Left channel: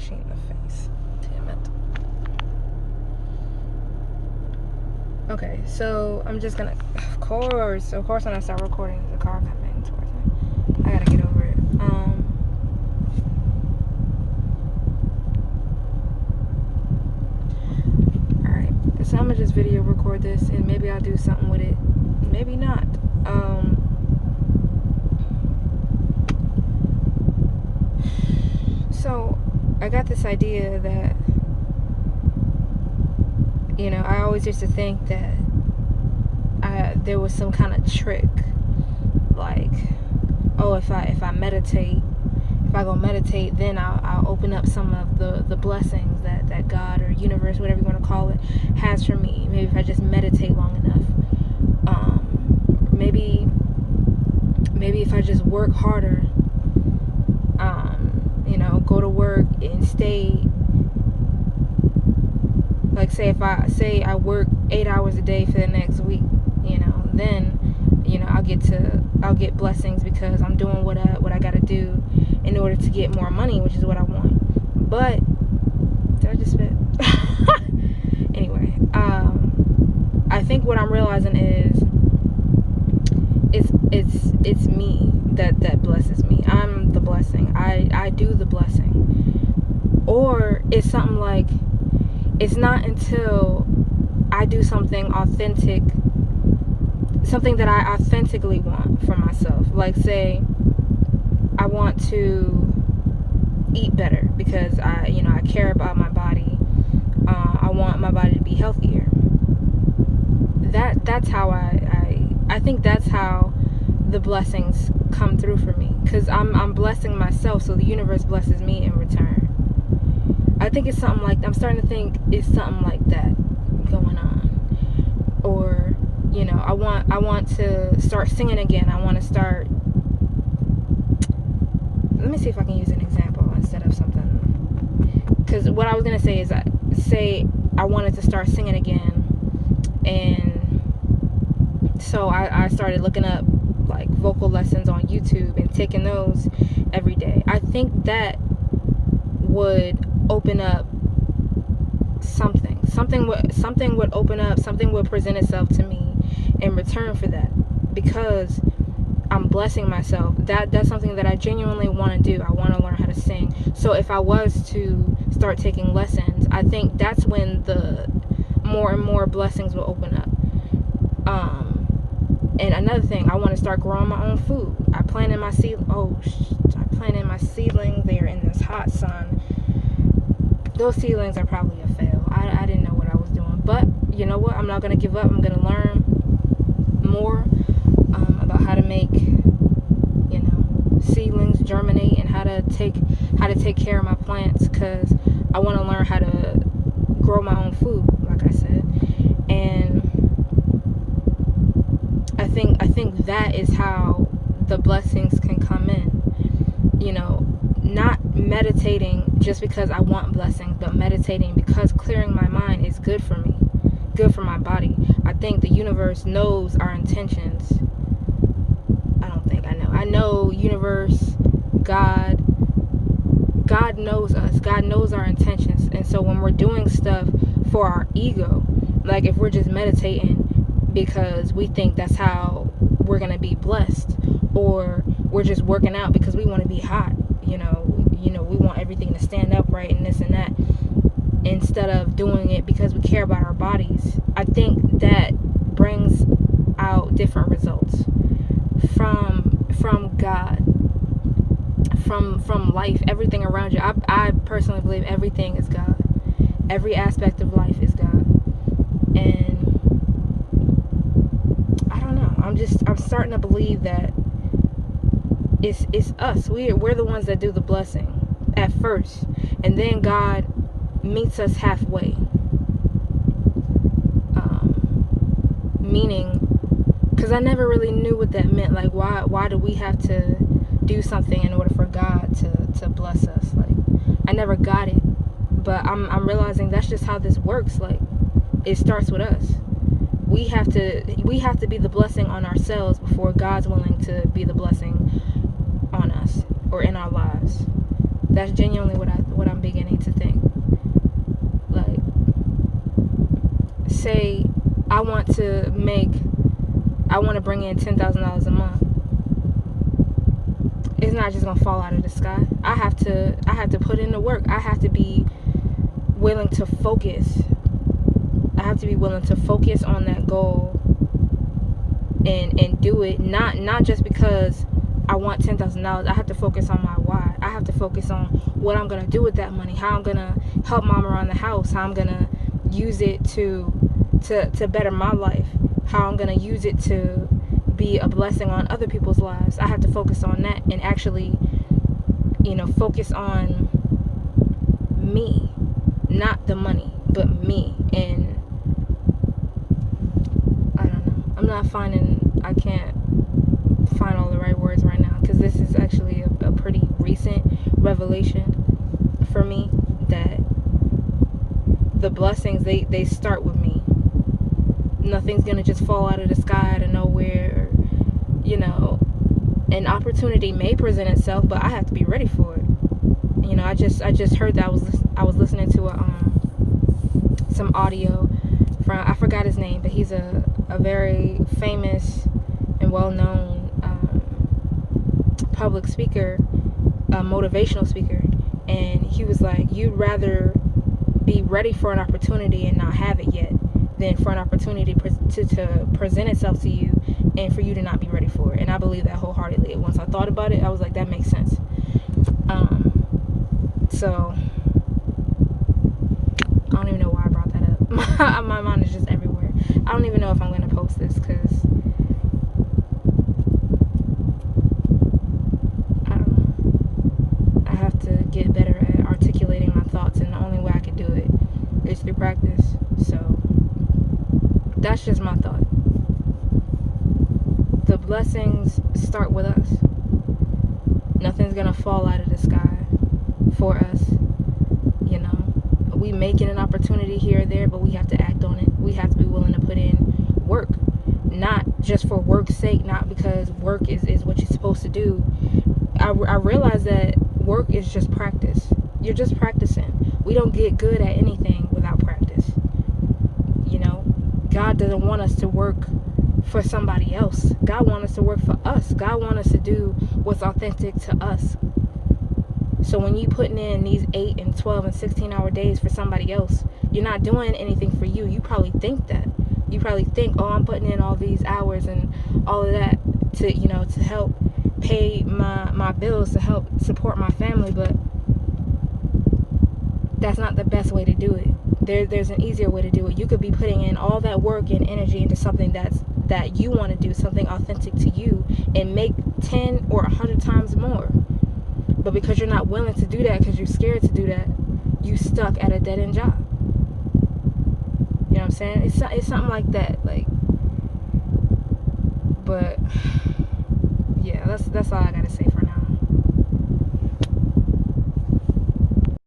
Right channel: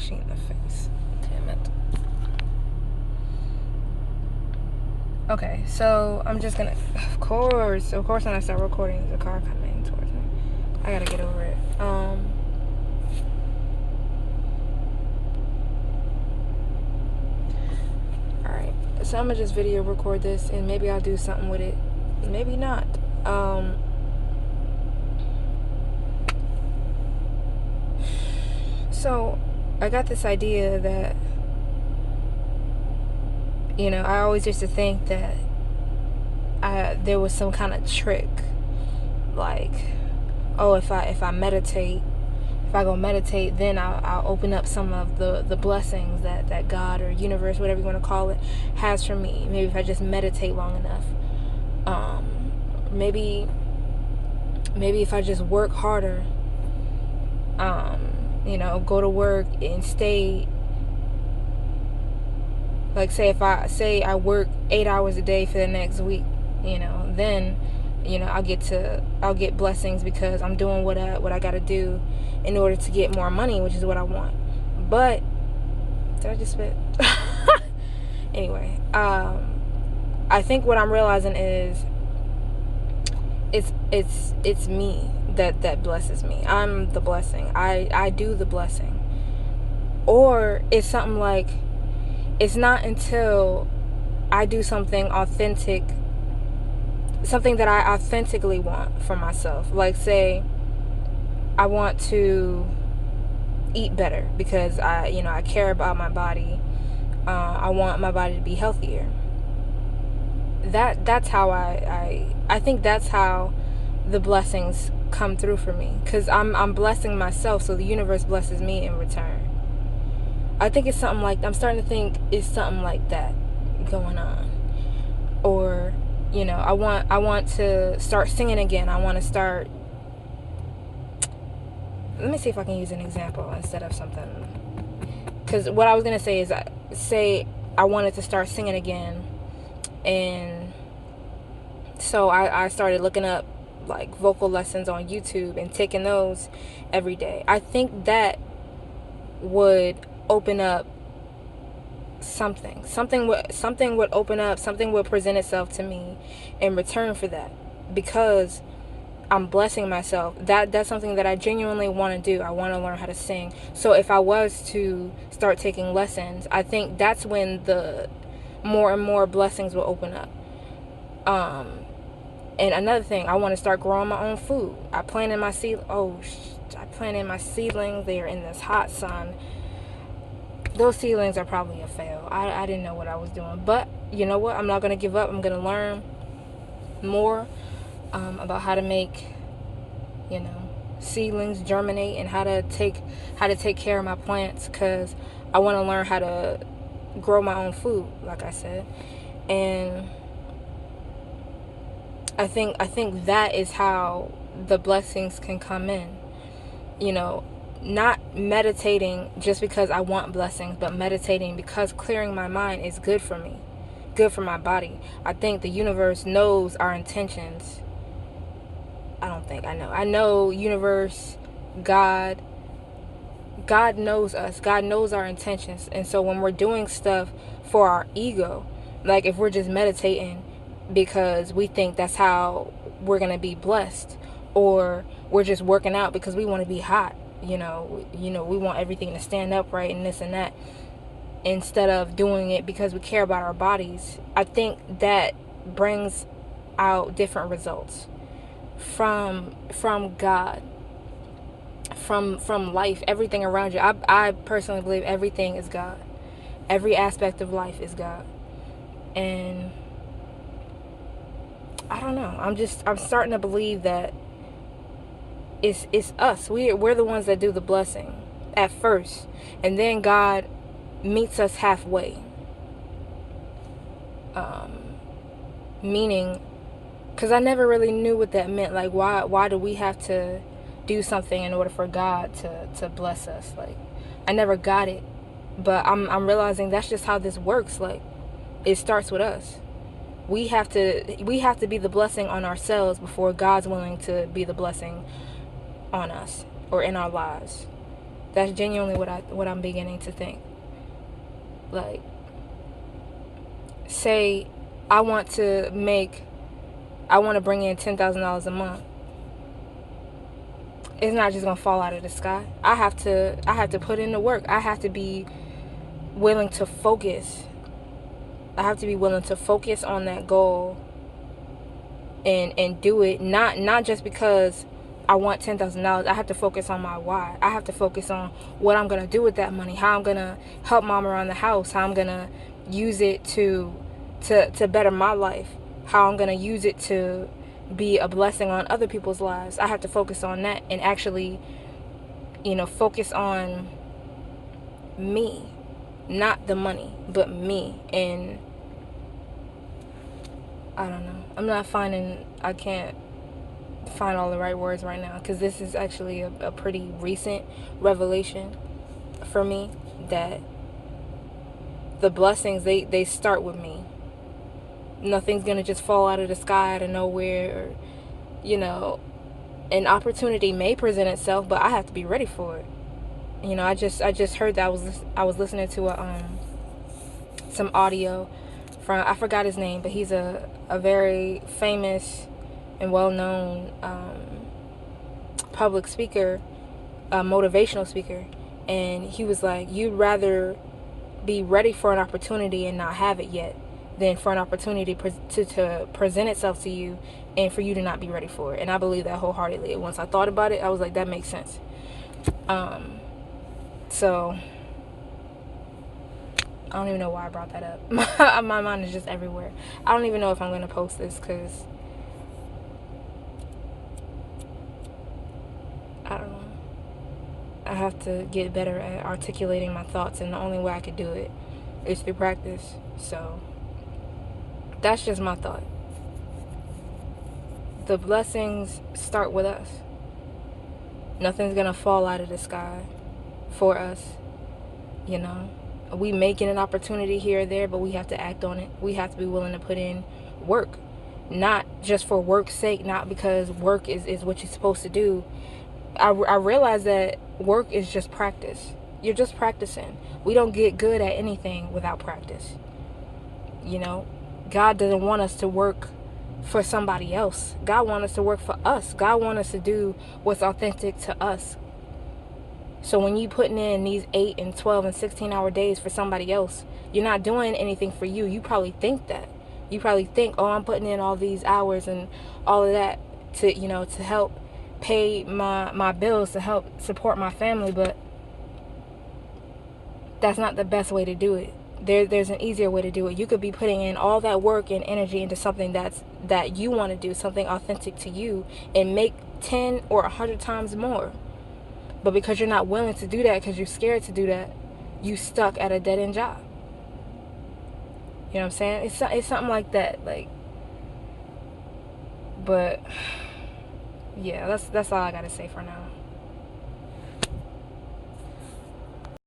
flashing in the face. Damn it. Okay, so I'm just gonna, of course when I start recording, the car coming towards me. I gotta get over it. Alright, so I'm gonna just video record this and maybe I'll do something with it. Maybe not. So I got this idea that, I always used to think that there was some kind of trick, like, oh, if I meditate, if I go meditate, then I'll open up some of the blessings that God or universe, whatever you want to call it, has for me. Maybe if I just meditate long enough. Maybe if I just work harder, go to work and stay, like, say I work 8 hours a day for the next week, then I'll get blessings because I'm doing what I gotta do in order to get more money, which is what I want. But did I just spit? Anyway, I think what I'm realizing is it's me that blesses me. I'm the blessing. I do the blessing. Or it's something like, it's not until I do something authentic, something that I authentically want for myself. Like, say I want to eat better because I care about my body. I want my body to be healthier. That's how I think that's how the blessings come through for me, because I'm blessing myself, so the universe blesses me in return. I think it's something like, I'm starting to think it's something like that going on. Or, I want to start singing again. I want to start, let me see if I can use an example instead of something, because what I was going to say is, say I wanted to start singing again, and so I started looking up like vocal lessons on YouTube and taking those every day. I think that would open up something would open up, something would present itself to me in return for that, because I'm blessing myself. That's something that I genuinely want to do. I want to learn how to sing. So if I was to start taking lessons, I think that's when the more and more blessings will open up. And another thing, I want to start growing my own food. I planted my seedlings. They are in this hot sun. Those seedlings are probably a fail. I didn't know what I was doing. But you know what? I'm not going to give up. I'm going to learn more about how to make, seedlings germinate, and how to take care of my plants, because I want to learn how to grow my own food, like I said. And I think that is how the blessings can come in. Not meditating just because I want blessings, but meditating because clearing my mind is good for me, good for my body. I think the universe knows our intentions. I know universe, God knows us. God knows our intentions. And so when we're doing stuff for our ego, like if we're just meditating because we think that's how we're going to be blessed, or we're just working out because we want to be hot, we want everything to stand up right and this and that, instead of doing it because we care about our bodies, I think that brings out different results from God, from life, everything around you. I personally believe everything is God. Every aspect of life is God. And I don't know, I'm starting to believe that it's us. We're the ones that do the blessing at first, and then God meets us halfway. Meaning, because I never really knew what that meant. Like, why do we have to do something in order for God to bless us? Like, I never got it, but I'm realizing that's just how this works. Like, it starts with us. We have to be the blessing on ourselves before God's willing to be the blessing on us or in our lives. That's genuinely what I'm beginning to think. Like, say I want to bring in $10,000 a month. It's not just gonna fall out of the sky. I have to put in the work. I have to be willing to focus. I have to be willing to focus on that goal and do it. Not just because I want $10,000. I have to focus on my why. I have to focus on what I'm gonna do with that money. How I'm gonna help mom around the house. How I'm gonna use it to better my life. How I'm gonna use it to be a blessing on other people's lives. I have to focus on that and actually, focus on me, not the money, but me. And I don't know. I can't find all the right words right now, because this is actually a pretty recent revelation for me, that the blessings, they start with me. Nothing's gonna just fall out of the sky out of nowhere. An opportunity may present itself, but I have to be ready for it. I just heard that I was listening to some audio from, I forgot his name, but he's a very famous and well-known public speaker, motivational speaker, and he was like, you'd rather be ready for an opportunity and not have it yet than for an opportunity to present itself to you and for you to not be ready for it. And I believe that wholeheartedly. Once I thought about it, I was like, that makes sense. So I don't even know why I brought that up. My mind is just everywhere. I don't even know if I'm going to post this, because I don't know. I have to get better at articulating my thoughts, and the only way I could do it is through practice. So that's just my thought. The blessings start with us. Nothing's going to fall out of the sky for us. We making an opportunity here or there, but we have to act on it. We have to be willing to put in work, not just for work's sake, not because work is what you're supposed to do. I realize that work is just practice. You're just practicing. We don't get good at anything without practice. God doesn't want us to work for somebody else. God wants us to work for us. God wants us to do what's authentic to us. So when you putting in these 8 and 12 and 16-hour days for somebody else, you're not doing anything for you. You probably think that. You probably think, oh, I'm putting in all these hours and all of that to help pay my bills, to help support my family, but that's not the best way to do it. There's an easier way to do it. You could be putting in all that work and energy into something that you want to do, something authentic to you, and make 10 or 100 times more. But because you're not willing to do that, because you're scared to do that, you stuck at a dead-end job. You know what I'm saying? It's something like that. But yeah, that's all I gotta say